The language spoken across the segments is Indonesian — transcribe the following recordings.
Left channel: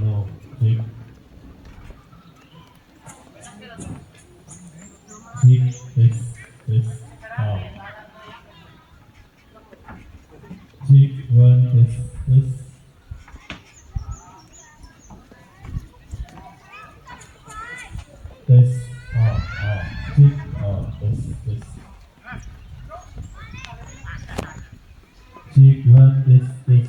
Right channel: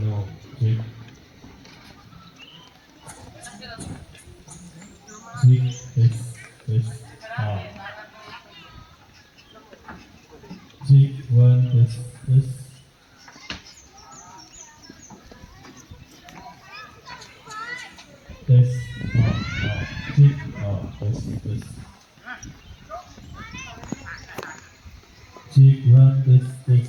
No. Cik. Cik. Tes. Cik. One. Tes. Tes. Cik. Tes. Cik. One. Tes. Cik.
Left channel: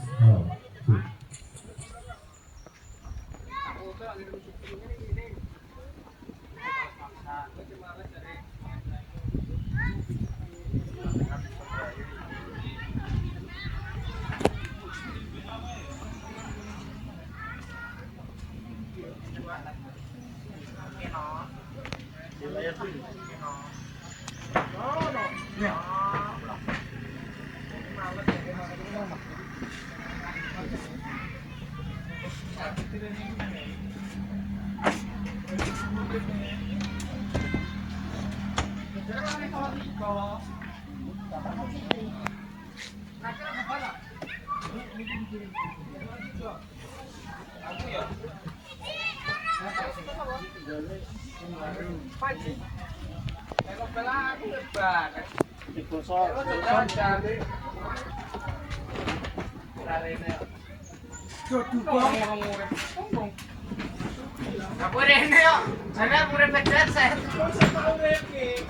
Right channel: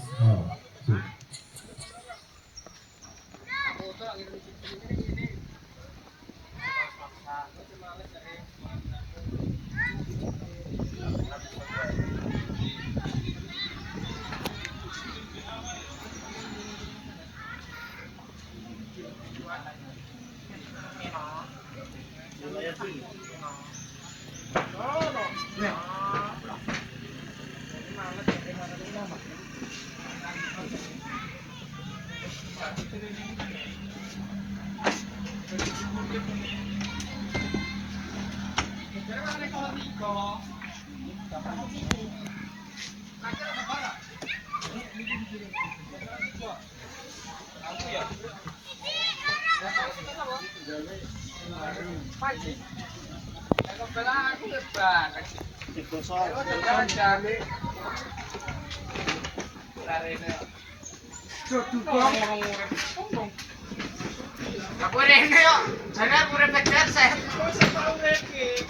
Aku rene yo, jane aku urip headset.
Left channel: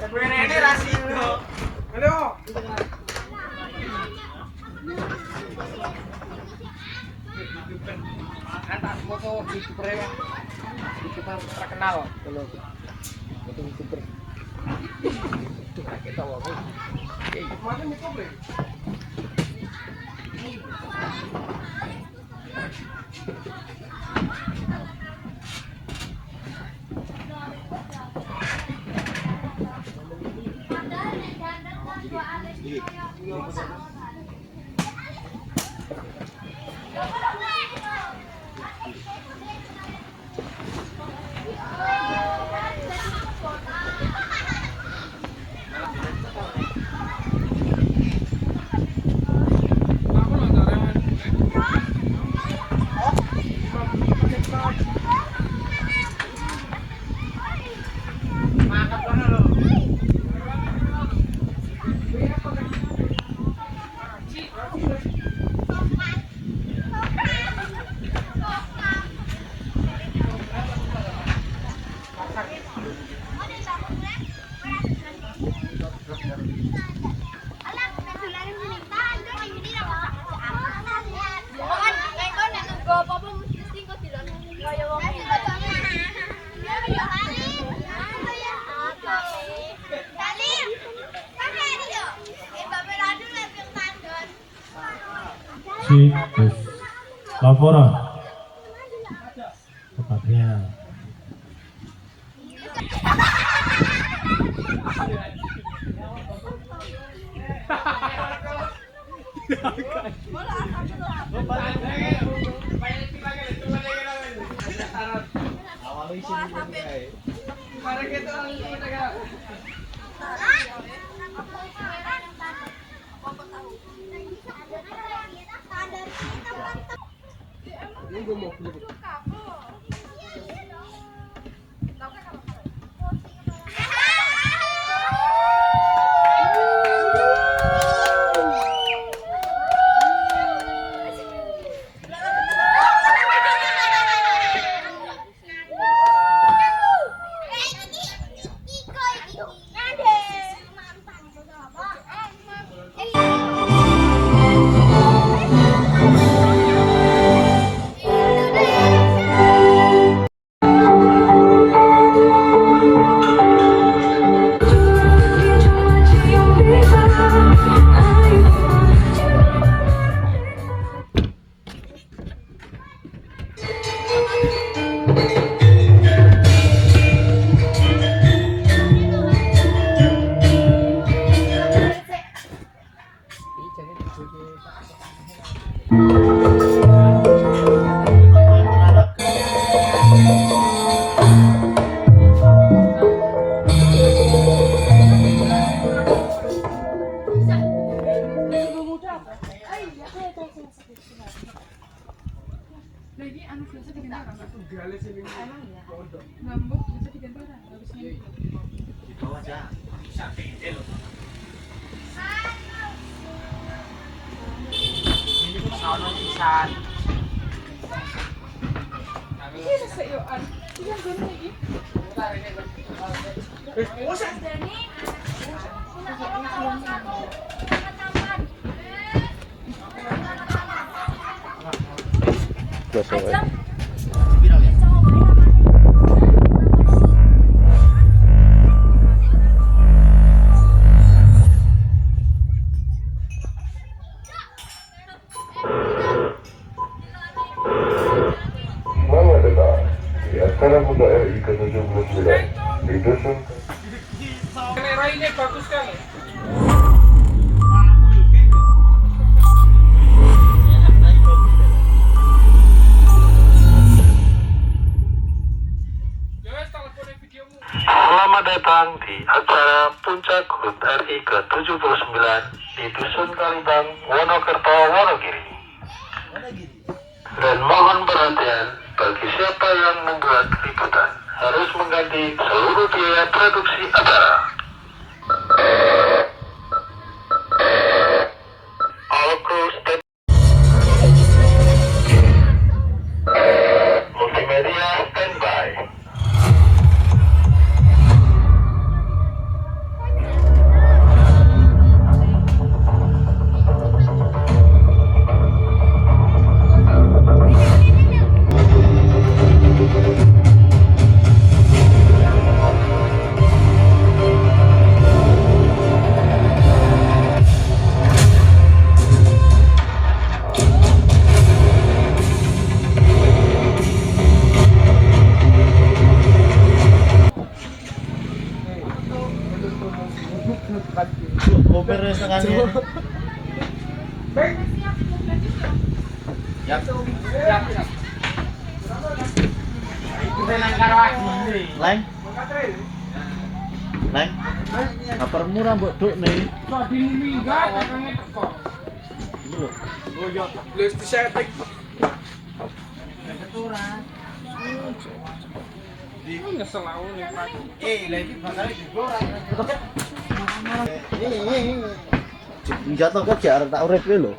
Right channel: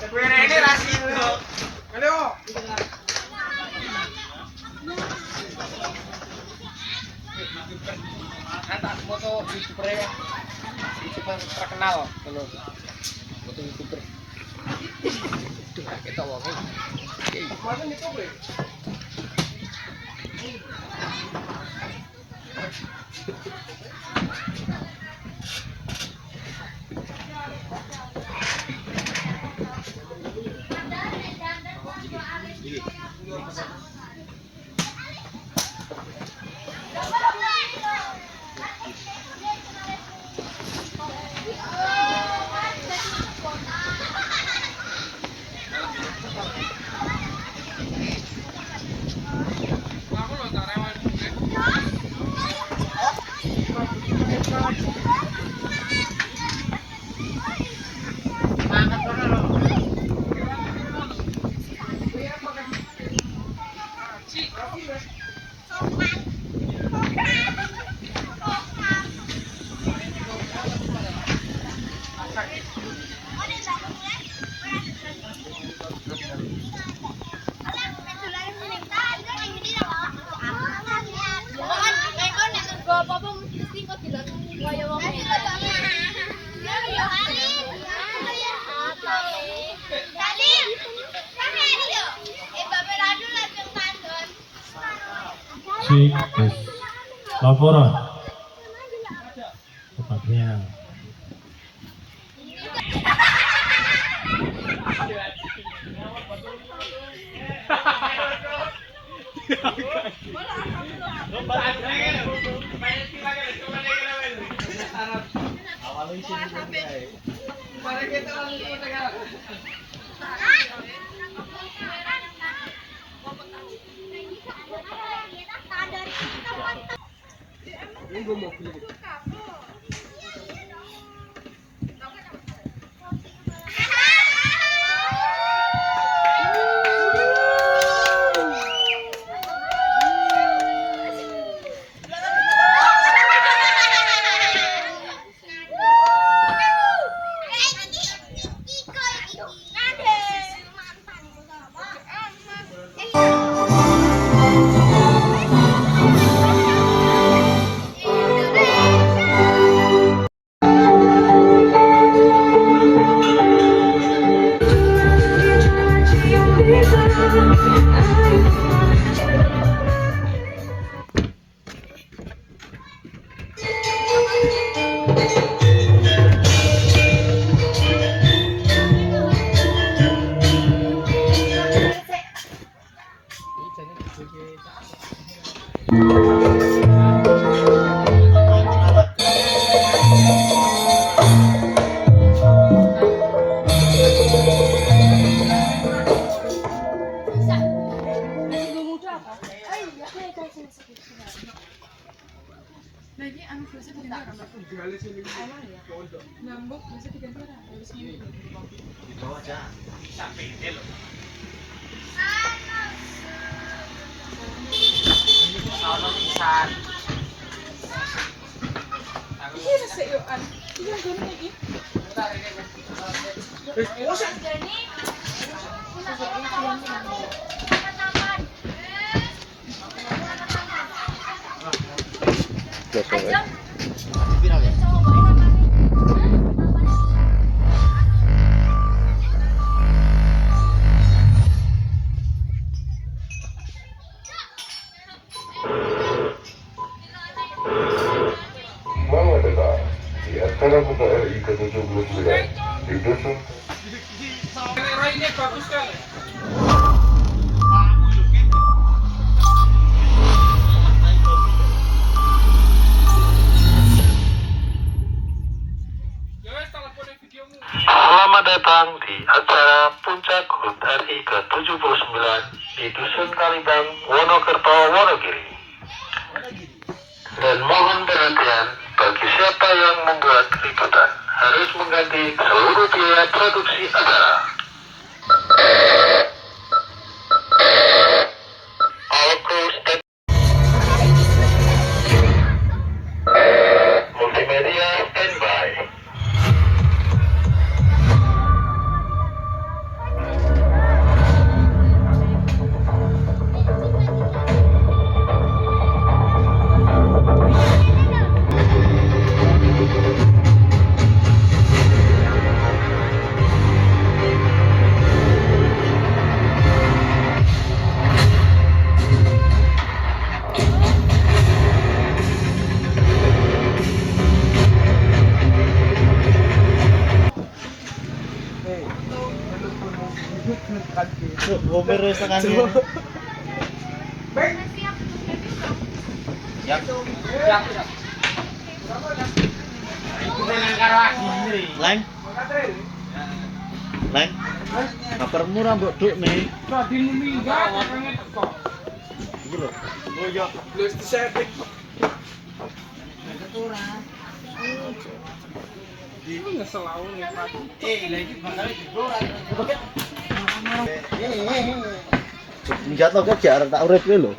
Aku rene ra sido. Halo. Kata foto YouTuber ya. YouTuber terkenal kalau foto YouTuber. Tuh, kita wong. Mana nih kok, Bre? Cik. Tes. Laporan. Tepatnya. Selamat datang di acara Muda RI ke-79 di Dusun. Ini bagus kan? Selamat datang di acara Puncak HUT RI ke-79 di Dusun Kalidang, Wonokerto, Wonogiri. Dan mohon perhatian bagi siapa yang membuat liputan harus mengganti seluruh biaya produksi acara. All crew stand. Multimedia standby. Opera sa kanya. Lain. Lain. Kabar murah mbok duk nih. Jatuh kok jar tak urip ki lho.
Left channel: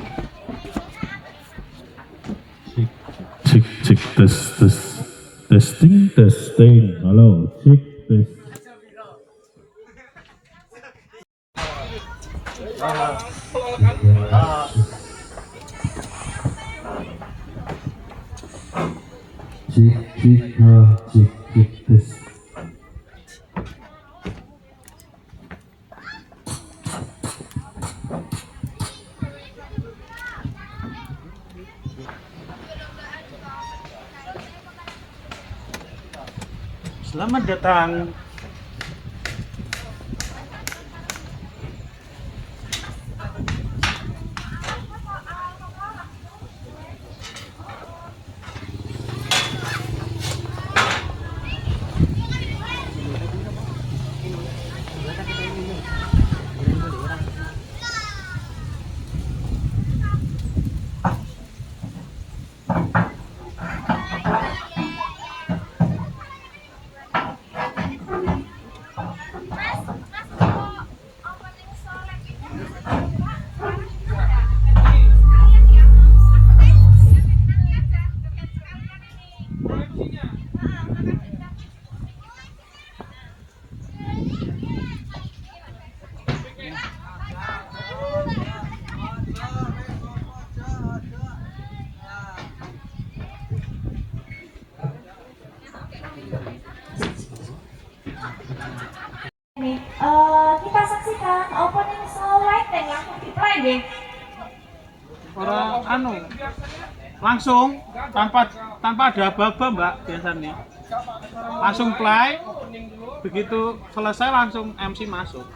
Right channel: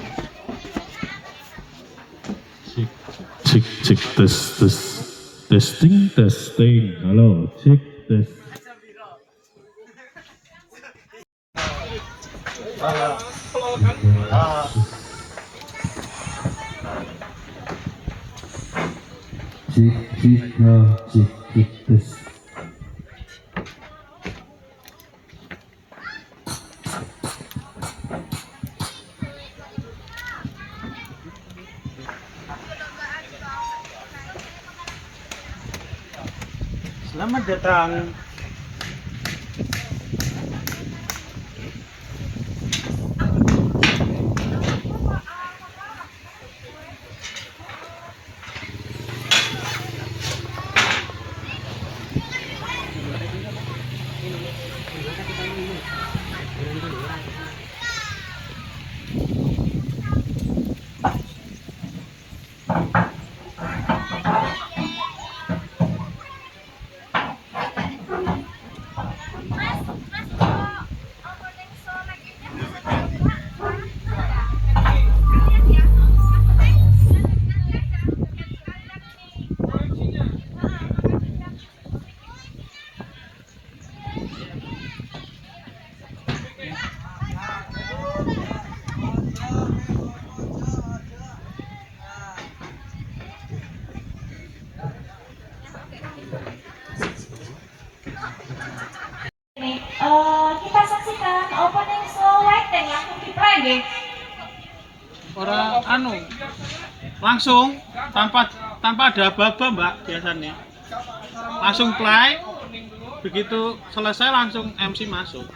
Cek cek tes tes testing testing halo cek tes cek cek cek tes Selamat datang. Kita saksikan opening slow lighting langsung di-play deh. Orang anu langsung tanpa ada aba-aba mbak biasanya langsung play, begitu selesai langsung MC masuk.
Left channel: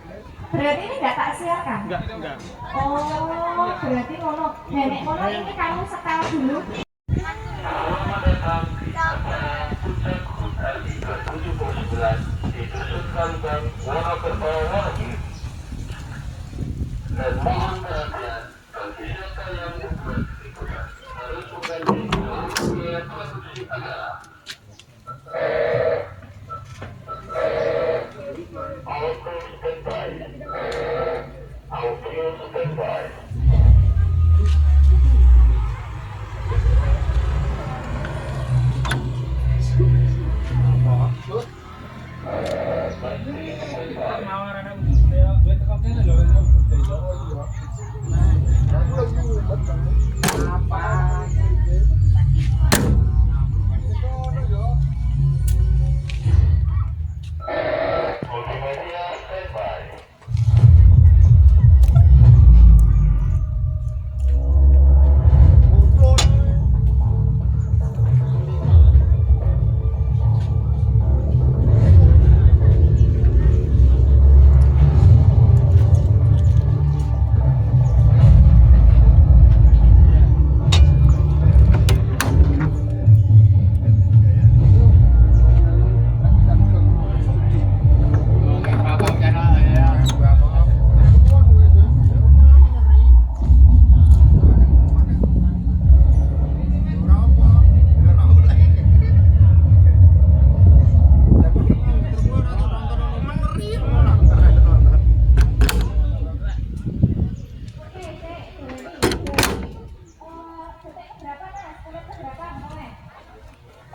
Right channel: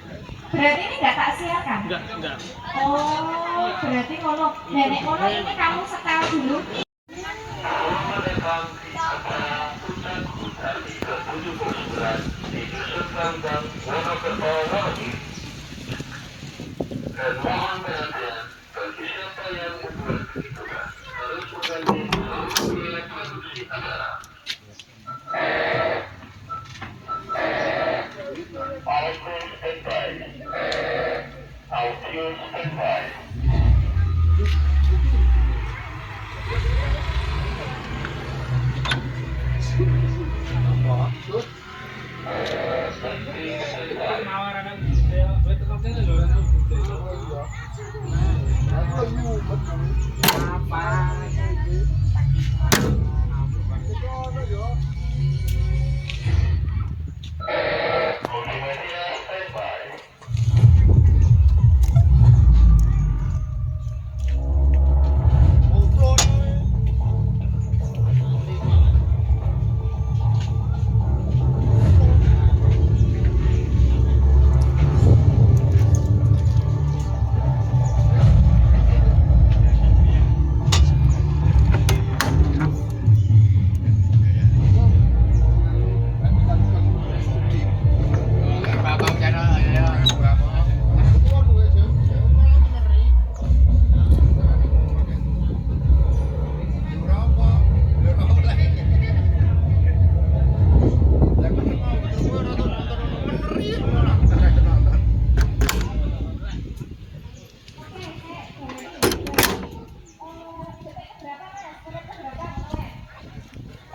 Berarti ini nggak tak siarkan? Enggak. Oh, berarti ngono. Nenek ngono ini kamu setel dulu. Selamat datang di acara Puncak HUT RI ke-79 di Dusun Kalidang, Wonokerto, Wonogiri. Dan mohon perhatian bagi siapa yang membuat liputan harus mengganti seluruh biaya produksi Audio standby. Audio standby.